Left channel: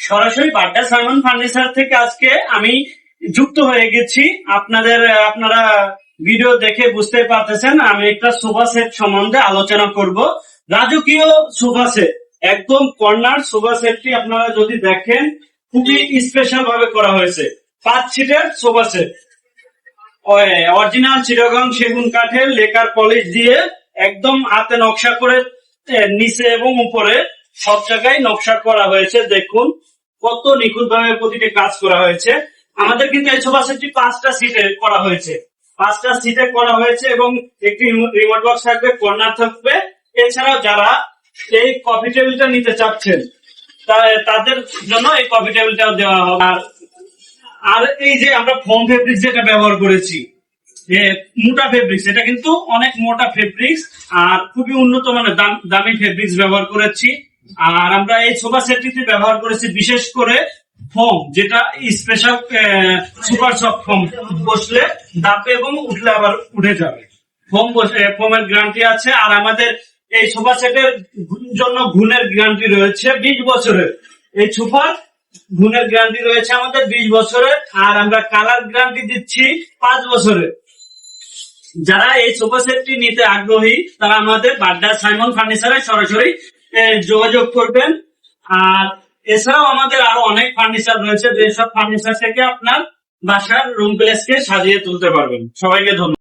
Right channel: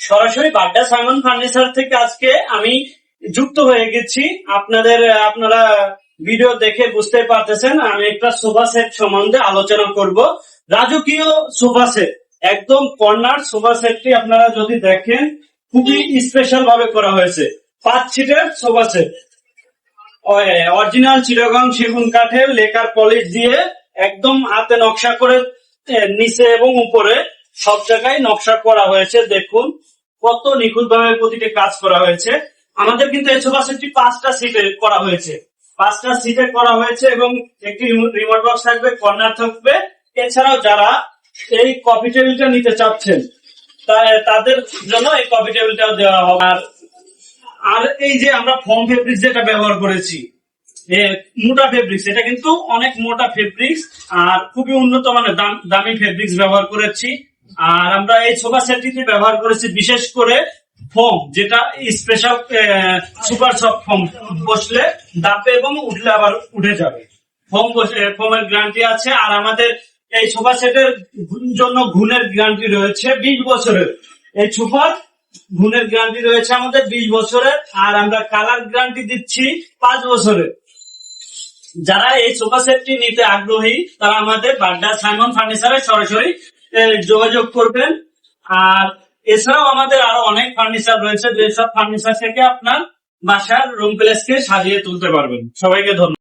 সরাসরি Badda Simon furniture থেকে আজকে আমি যুক্ত হয়ে গেছি। আপনারা ভিডিও দেখে বুঝতে পারতেছেন আমি একটা সোফা সেট সম্বন্ধে আলোচনা করব। রাজকীয় সোফা সেট, একদম কর্নার সোফা সেটটি আপনারা যদি দেখেন খুবই স্পেশাল ভাবে করা হয়েছে। 5 সিটের সোফা সেট, অরিজিনাল চিটাগং সেগুন কাঠের লেকার পলিশ দিয়ে একদম হাতে নকশা করে নিচে এবং উপরে সব জায়গায় নকশা করা হয়েছে। দেখুন কত নিখুঁত ভাবে প্রতিটি কাজ করা হয়েছে। আমাদের কিন্তু এই সোফা সেটটি 5টা সিটে করা হয়েছে, 5টা সিটে করা হয়েছে এবং একটি রিমোট বক্স থাকবে, কর্নার থাকবে। এছাড়াও যারা এই কফি টেবিলটা নিতে চাচ্ছেন তাদের জন্য এই কফি টেবিলটাও দেওয়া হবে। আর এই যে আমরা ফোম ফেব্রিক্স যেটা ব্যবহার করেছি, মোটা ফেব্রিক্স, এটা কিন্তু অনেক মোটা ফেব্রিক্স আর খুবই উন্নত মানের দামি ফেব্রিক্স ব্যবহার করেছি। আর আমরা এই সোফা সেটটিতে ব্যবহার করেছি বিশেষ করে ফোম, যেটা স্পেশাল সুপার সফট ফোম, বসলে দাপে এবং উঠলে আবার উঠে যাবে। ফোমের গ্যারান্টি আছে। আর আমাদের এই সোফা সেটের জন্য ঘুণের গ্যারান্টি রয়েছে 20 বছরের। এই সোফার ঘুণের গ্যারান্টি রয়েছে আমাদের 20 বছরের। আর আমরা কালার গ্যারান্টি দিচ্ছি 5 বছরের। যারা এই সোফা সেটটি নিতে আগ্রহী তারা আমাদের বাড্ডা সাইমন ফার্নিচারে সরাসরি যোগাযোগ করবেন। আর এছাড়াও আমাদের আরো অনেক ফার্নিচার রয়েছে, যেসব ফার্নিচার থেকে আপনার বাসার রুম প্লেসকে সাজিয়ে তুলতে পারবেন। সবাইকে ধন্যবাদ।